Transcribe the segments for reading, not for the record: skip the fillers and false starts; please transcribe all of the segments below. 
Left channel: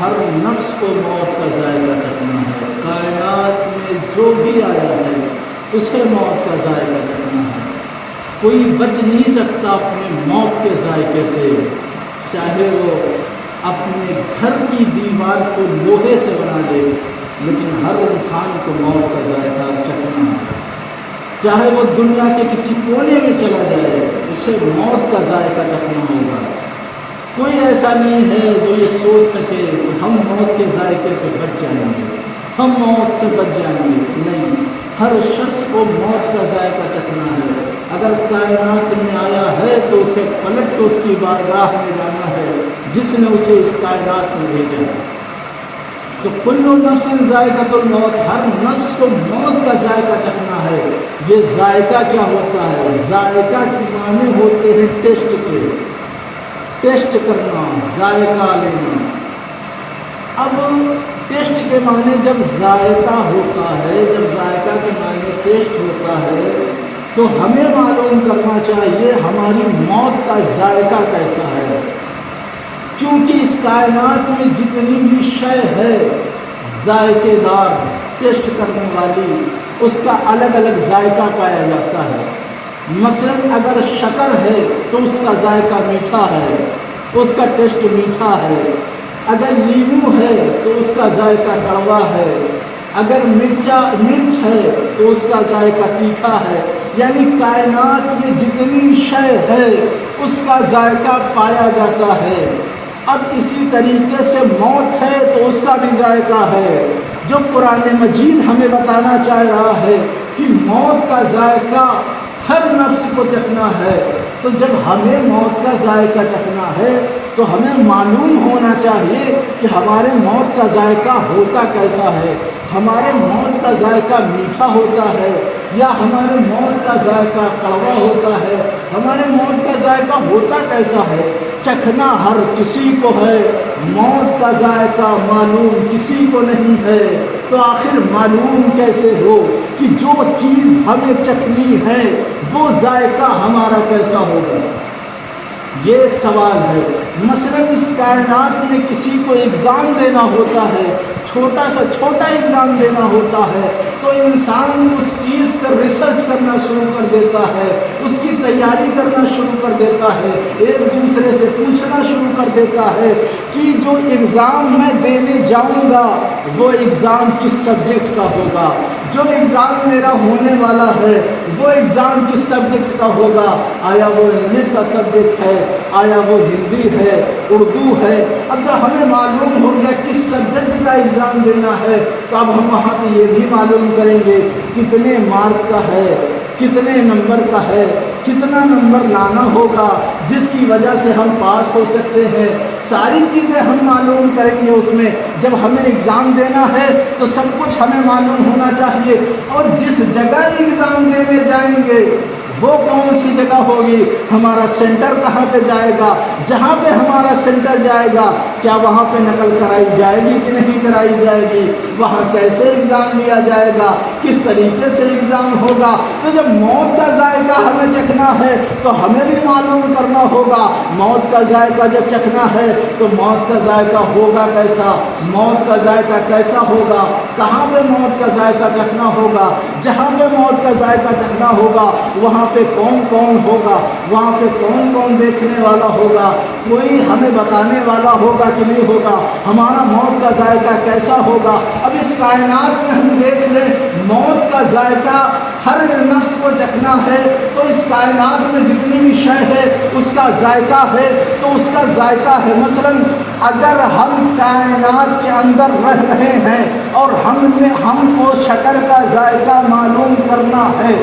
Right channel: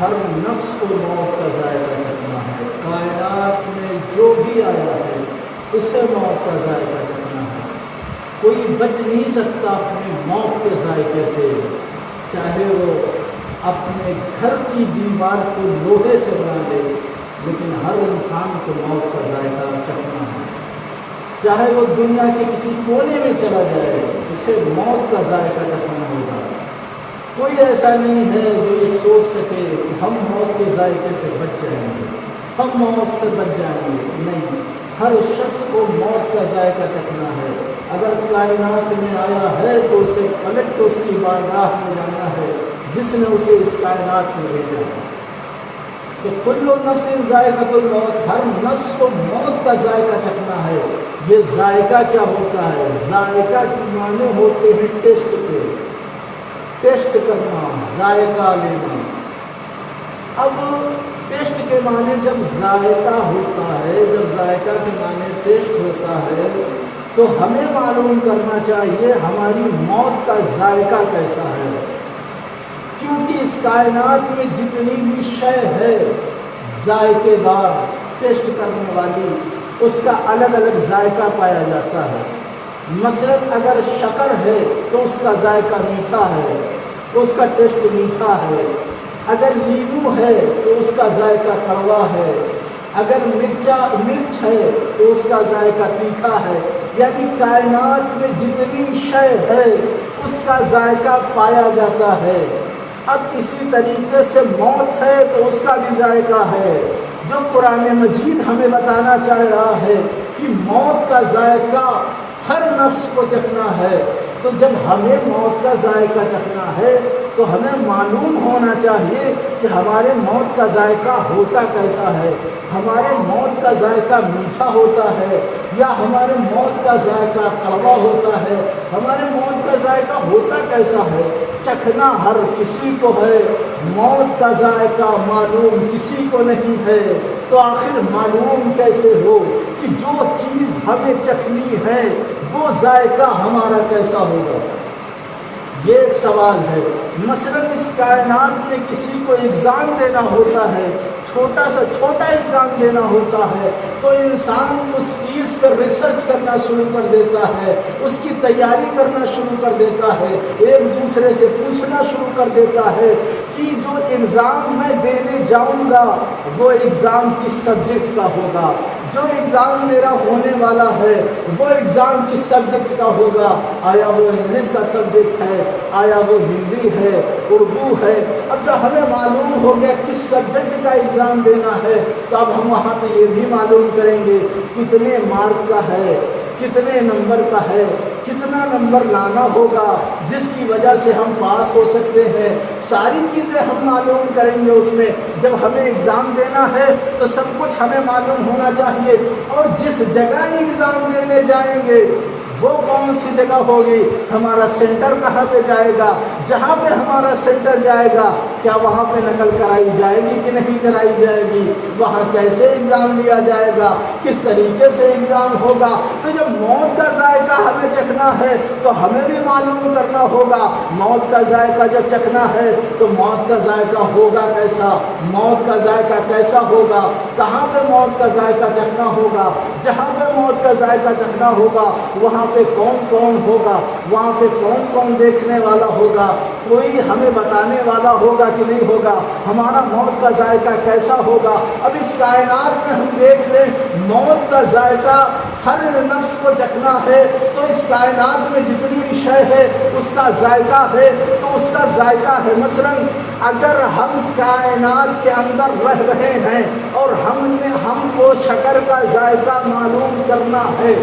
ہر نفس کو موت کا ذائقہ چکھنا ہے. کائنات میں جو بھی آیا ہے اسے موت کا ذائقہ چکھنا ہے. کوئی بچ نہیں سکتا اپنے موت کے ذائقے سے، چاہے وہ اپنے گھر کی دیوار کو لوہے سے بنا لے، لیکن ہر انسان کو موت کا ذائقہ چکھنا ہے. چاہے وہ دنیا کے کسی کونے میں چلا جائے، اسے موت کا ذائقہ چکھنا ہوگا. کوئی ایسا نہیں ہے جو یہ سوچ سکے کہ ہم موت کے ذائقے سے بچ جائیں گے، ہم موت سے بچ جائیں گے. نہیں، ہر شخص کو موت کا ذائقہ چکھنا ہے. اگر کائنات میں آیا ہے تو اسے پلٹ کے اس کی بارگاہ میں جانا ہے جس نے اسے اس کائنات میں بھیجا ہے. تو کل نفس ذائقۃ الموت، ہر نفس کو موت کا ذائقہ چکھنا ہے. یہ ذائقہ کیا ہوتا ہے؟ ذائقہ کے معنی ہوتے ہیں ٹیسٹ کے، ٹیسٹ کرنا، ذائقہ لینا. اب ٹیسٹ کے معنی جب ذائقہ ہوتا ہے، جب ذائقہ کے معنی ٹیسٹ ہوتا ہے تو ہمیں معلوم کرنا چاہیے ہماری موت کا ذائقہ کیسا ہے. کیونکہ اس کائنات میں جتنی بھی شے ہے ذائقے دار، ٹیسٹ کرنے والی، اس کا الگ الگ ذائقہ پایا جاتا ہے. مثلا اگر شکر ہے تو اس کا ذائقہ میٹھا ہے، اس کا ٹیسٹ میٹھا ہے. اگر لیمو ہے تو اس کا ذائقہ کڑوا ہے. اگر مرچ ہے تو اس کا ذائقہ تیکھا ہے. یعنی کائنات میں جتنی شے ہے اس کا ذائقہ پایا جاتا ہے. اب اسی طریقے سے موت ہے تو اس کا بھی ذائقہ ہے. جو قرآن مجید ہمیں بتانا چاہ رہا ہے کہ موت کا ذائقہ ہر نفس کو چکھنا ہے. تو جب ہمیں موت کا ذائقہ چکھنا ہے تو ہمیں معلوم ہونا چاہیے کہ ہمارے موت کا ذائقہ ہوتا کیسا ہے. ہمارے موت کا ذائقہ میٹھا ہوتا ہے یا ہمارے موت کا ذائقہ کڑوا ہوتا ہے؟ ہمارے موت کا ذائقہ ہوتا کیسا ہے؟ چکھنا ہر کسی کو ہے، موت کا ذائقہ معلوم کسی کو نہیں ہے. تو آخر معلوم کیسے ہو کہ جو چیز ہمیں چکھنی ہے وہ ذائقہ ہمارا کیسا ہوگا؟ یہ ایک سوال ہے. مثلا اس کائنات میں کسی کو ایگزام دینا ہوتا ہے، چھوٹا سا چھوٹا ایگزام دینا ہوتا ہے، تو انسان اس چیز پر ریسرچ کرنا شروع کر دیتا ہے، اس کی تیاری کرنا شروع کر دیتا ہے، ایک دوسرے سے پوچھنا شروع کر دیتا ہے کہ جو ایگزام میں دینے جاؤں گا وہ ایگزام کس سبجیکٹ کا ہوگا، جو ایگزام میرا ہونے والا ہے وہ ایگزام کس سبجیکٹ کا ہوگا. آیا وہ انگلش کا سبجیکٹ ہے، آیا وہ ہندی ہے، اردو ہے. اب جب ہمیں معلوم ہو گیا کس سبجیکٹ کا ایگزام دینا ہے تو اب ہم وہاں پہ یہ بھی معلوم کریں گے کتنے مارک کا ہے، کتنے نمبر کا ہے، کتنا نمبر لانا ہوگا جس کی وجہ سے ہم پاس ہو سکتے ہیں. ساری چیزیں ہم معلوم کریں گے اس میں. جب ہمیں ایگزام دینا ہے تو سب کچھ ہمیں معلوم ہونا چاہیے. اور جس جگہ ایگزام دینے جائیں گے وہ کون سی جگہ ہوگی، ہمارا سینٹر کہاں پہ جائے گا، جہاں پہ ہمارا سینٹر جائے گا کیا وہاں پہ نقل کرائی جائے گی کہ نہیں کرائی جائے گی، وہاں کیسے ایگزام لیا جائے گا، کس طریقے سے ایگزام ہوگا. تو جب موت کا ذائقہ ہمیں چکھنا ہے تو ہمیں بھی معلوم کرنا ہوگا موت کا ذائقہ جب چکھنا ہے تو موت کا ذائقہ ہوگا کیسا، موت کا ذائقہ کیسا ہوگا، کہاں پہ موت کا ذائقہ چکھنا ہوگا. جہاں پہ موت کا ذائقہ چکھنا ہوگا وہاں پہ کون کون ہوگا، وہاں پہ کون کون دیکھنے والا ہوگا، کوئی ہمیں بتانے والا ہوگا کہ نہیں ہوگا، ہمارا موت کا ذائقہ کیسا ہوگا. اب اس کائنات میں ہم دیکھ لیں موت کا ذائقہ ہر نفس کو چکھنا ہے تو اس کائنات میں جتنی بھی شے ہے اس کا ذائقہ ہے تو اس کا ذائقہ ہے. مثلا اگر ہم کائنات کے اندر رہ رہے ہیں اور ہم کو شکر کا ذائقہ معلوم کرنا ہے،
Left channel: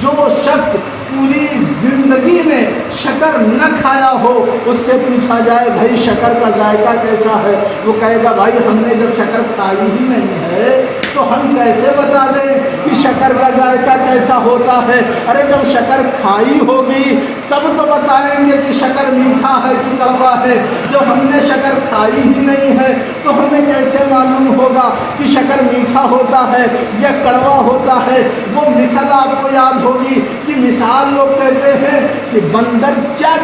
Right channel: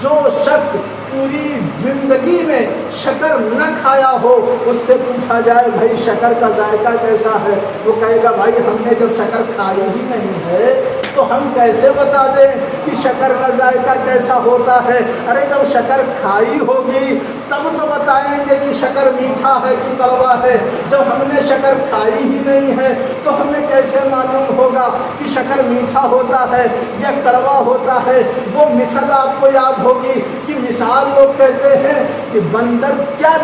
جو شخص پوری زندگی میں شکر نہ کھایا ہو اس سے پوچھا جائے بھائی شکر کا ذائقہ کیسا ہے، وہ کہے گا بھائی ہم نے جب شکر کھائی ہی نہیں ہے تو ہم کیسے بتا دیں کہ شکر کا ذائقہ کیسا ہوتا ہے. ارے جب شکر کھائی ہوگی تب تو بتائیں گے کہ شکر میٹھا ہے کہ کڑوا ہے. جب ہم نے شکر کھائی ہی نہیں ہے تو ہمیں کیسے معلوم ہوگا کہ شکر میٹھا ہوتا ہے یا کڑوا ہوتا ہے. وہ مثال آپ کو یاد ہوگی کہ مثال لوگ کہتے ہیں کہ بندر کیا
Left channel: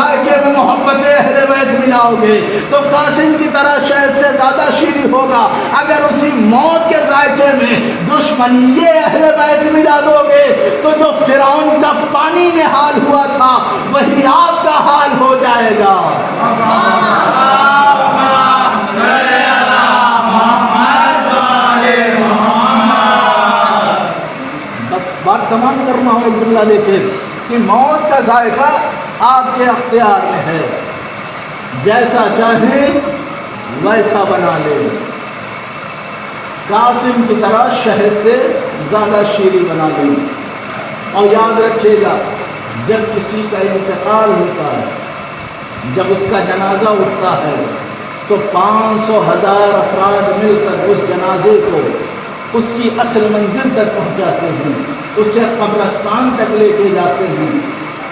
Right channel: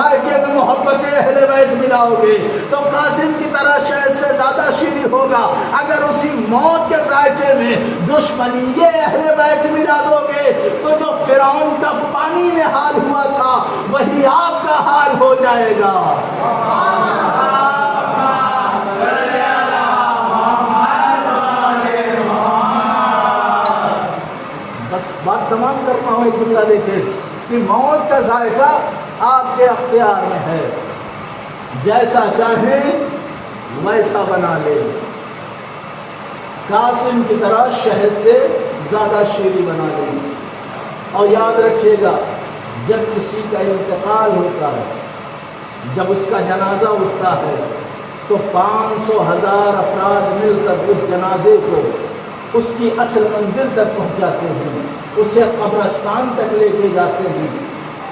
ذائقے میں محبت اہل بیت ملاؤ گے تو قاسم کی طرح شہد سے زیادہ شیریں ہوگا۔ اگر اسی موت کے ذائقے میں دشمنی اہل بیت ملا دو گے تو جو فرعون کا پانی میں حال ہوا تھا وہی آپ کا حال ہو جائے گا۔ بس بات تمام کرنا ہو، ایک جملہ دیکھیں کہ موت کا ذائقہ آپ کے اختیار میں ہے، جیسا چاہیں ویسا بنا لیں۔ قاسم کی طرح شہد سے زیادہ شیریں بنا لیں۔ اور یاد رکھیے گا جب کسی کا انتقال ہوتا ہے، جب اس کا جنازہ اٹھتا ہے تو 500,000 افراد مل کر اس جنازے کو اس کی اصل منزل تک پہنچاتے ہیں، اسے قبرستان تک لے کے جاتے ہیں۔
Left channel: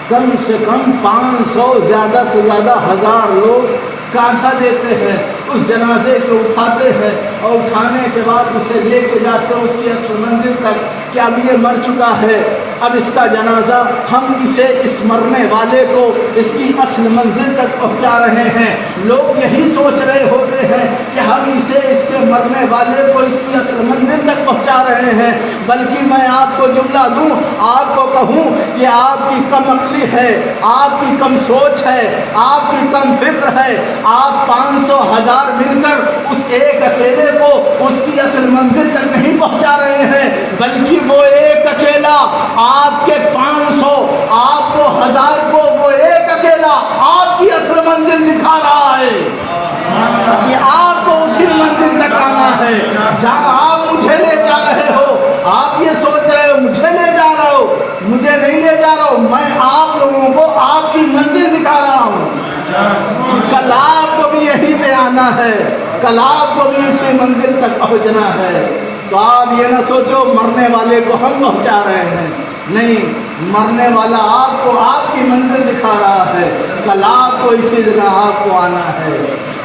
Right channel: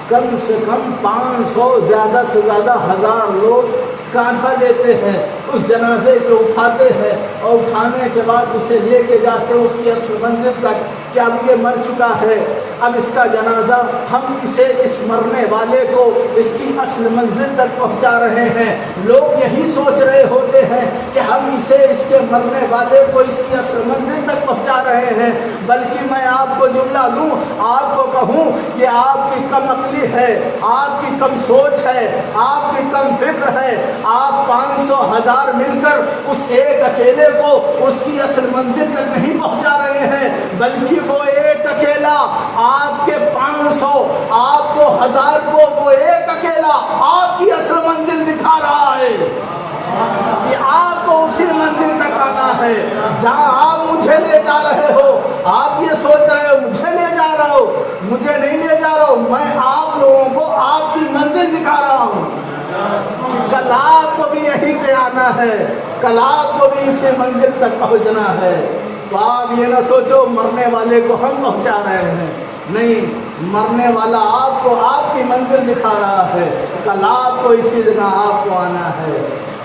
کم سے کم 500 زیادہ سے زیادہ 1000 لوگ کاندھا دیتے ہیں، اس جنازے کو اٹھاتے ہیں اور اٹھانے کے بعد اسے لے کے جاتے ہیں اس کی اصل منزل تک کہ اب یہ مر چکا ہے، اب اس کا جنازہ ہم اسے اس مرنے والے کو اس کی اصل منزل تک پہنچا رہے ہیں۔ لوگ یہی سوچ رہے ہوتے ہیں کہ ہم اسے اس کے مرنے والے کو اس کی اصل منزل تک پہنچا رہے ہیں، بلکہ میں آپ کو جملہ دوں، آپ کو کہوں کہ آپ کی کم عقلی ہے، آپ کی کم سوچ ہے، آپ کی کم فکر ہے۔ آپ 500,000 مل کر اس ایک اکیلے کو اس کی اصل منزل تک نہیں پہنچا رہے ہیں، بلکہ وہ ایک اکیلا آپ کے 500 آپ کو 1000 کو وہ ایک اکیلا آپ کی اصل منزل دکھا رہا ہے کہ آپ کو اسی منزل تک آنا ہے جہاں آپ مجھے لے جا رہے ہو۔ آپ یہ سوچ رہے ہو مجھے لے جا رہا ہو، مجھے نہیں لے جا رہا ہوں، میں آپ لوگوں کو آپ کی منزل دکھا رہا ہوں۔ کل آپ کو بھی یہی پہ آنا ہے، کل آپ کو بھی اسی منزل تک پہنچنا ہے۔ تو آپ یہ نہ سوچو مرنے والے کو ہم پہنچا رہے ہیں، نہیں، مرنے والا آپ کو آپ کی منزل دکھا رہا ہے، کل آپ کو اسی جگہ آپ کو آنا ہے۔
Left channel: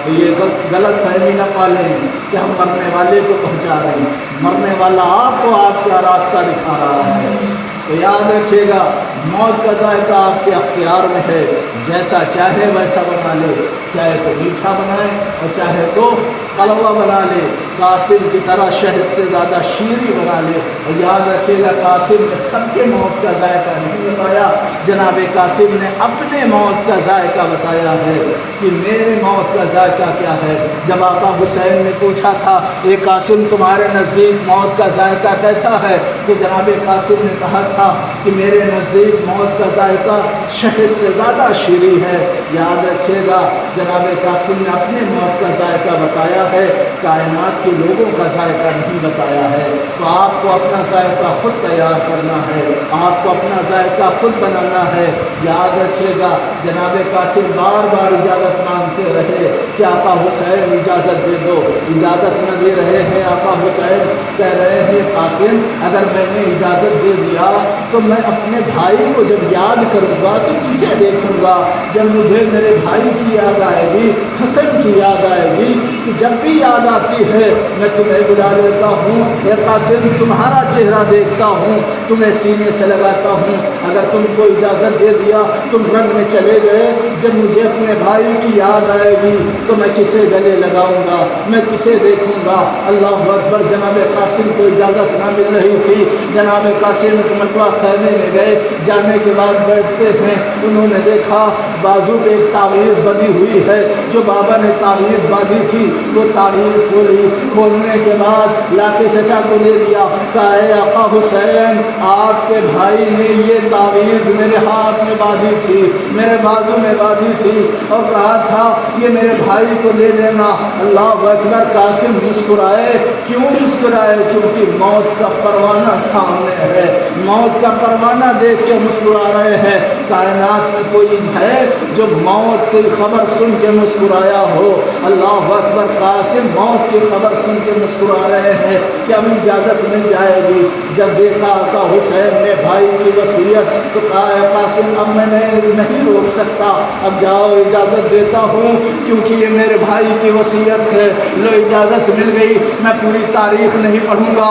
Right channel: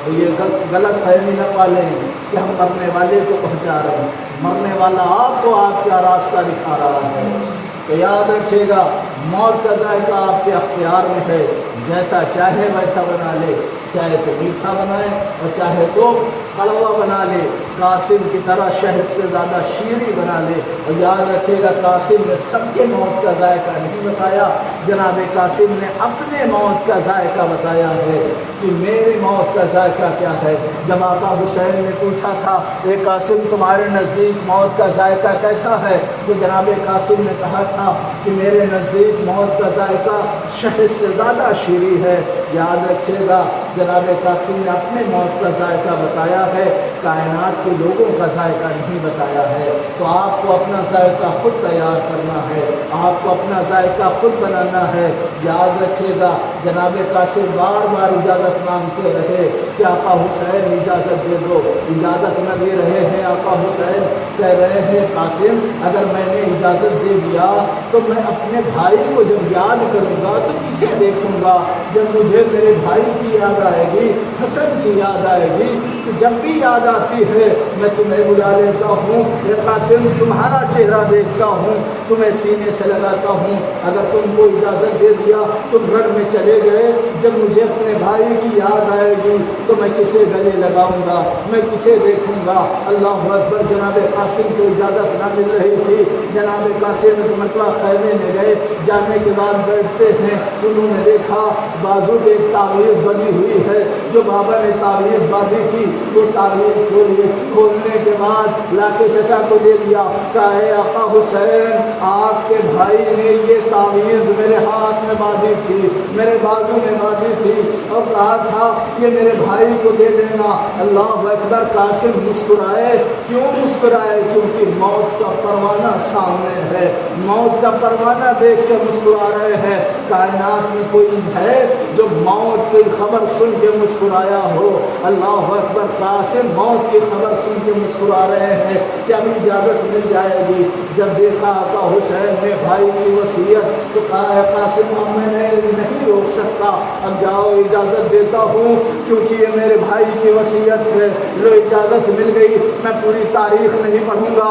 تو یہ غلط فہمی نہ پالیں کہ ہم مرنے والے کو پہنچا رہے ہیں، مرنے والا آپ کو آپ کا راستہ دکھا رہا ہے۔ تو یاد رکھیے گا موت کا ذائقہ آپ کے اختیار میں ہے، جیسا چاہے ویسا بنا لے، چاہے تو میٹھا بنائے اور چاہے تو کڑوا بنا لے، قاسم کی طرح شہد سے زیادہ شیریں بنا لے۔ اور یاد رکھیے گا قاسم نے سب کے موت کا ذائقہ نہیں بتایا، جناب قاسم نے اپنے موت کا ذائقہ بتایا ہے کہ میرے موت کا ذائقہ کیا ہے۔ جب آقا حسین نے پوچھا تھا اے قاسم تمہارے نزدیک موت کا ذائقہ کیسا ہے، تو جناب قاسم نے کہا تھا کہ میرے نزدیک موت کا ذائقہ شہد سے زیادہ شیریں ہے۔ یاد رکھیے گا جناب قاسم نے اپنے موت کا ذائقہ بتایا ہے، کائنات کے لوگوں کا ذائقہ نہیں بتایا ہے۔ تو آپ کو اپنا ذائقہ خود تیار کرنا ہے، آپ کو اپنا ذائقہ خود بنانا ہے۔ یاد رکھیے گا جناب قاسم بار بار اجازت مانگتے رہے کہ آقا حسین اجازت دے دو، اجازت نہ دے رہے ہیں۔ آقا حسین کہہ رہے ہیں قاسم اگر میں نے اجازت دے دیا تو میں اپنے بھائی کو جب یاد کروں گا تو کسے دیکھوں گا؟ جب مجھے میرے بھائی کی یاد آئے گی، حسن کی یاد آئے گی، تو جب بھی یاد آتی ہے میں تمہیں بلا لیتا ہوں، اے قاسم تمہارا چہرہ دیکھتا ہوں، تمہیں سینے سے لگاتا ہوں۔ اگر تم کو اجازت دے دیا تم رن میں چلے گئے، جب مجھے اپنے بھائی کی یاد آئے گی تو میں کسے گلے لگاؤں گا، میں کسے دیکھوں گا؟ اللہ اکبر۔ جناب قاسم کو اجازت نہ مل رہی تھی، جناب قاسم ایک مرتبہ خیمے میں گئے، جانے کے بعد بیٹھتے ہیں، انہوں نے دیکھا بازو پہ ایک تعویذ بندھی ہوئی ہے، جو بابا نے تعویذ باندھی تھی وہ تعویذ کھولی، کھولنے کے بعد لا کے چچا کو دے دیا، کہا اے آقا حسین آپ کے بھائی نے یہ تعویذ میرے ہاتھ میں باندھی تھی، میرے بازو میں باندھی تھی اور کہا تھا یہ میرے بھائی کو دے دینا۔ اللہ اکبر۔ قاسم مسکرائے، کیوں مسکرائے؟ کیونکہ موت کا پروانہ سامنے ہے، موت کا پروانہ دیکھ کے مسکرا رہے ہیں۔ کائنات میں کوئی ہے جو موت کی خبر سن کے مسکرایا ہو؟ اللہ اکبر۔ قاسم موت کی خبر سن کے مسکرا رہے ہیں کہ اب اجازت مل جائے گی۔ جب دیکھا آقا حسین نے بھائی کی وصیت تو کہا قاسم اب میں نہیں روک سکتا، اب جاؤ اجازت دیتا ہوں کیونکہ یہ میرے بھائی کی وصیت ہے۔ لو اجازت مل گئی، میں پوری تاریخ نہیں پڑھوں گا،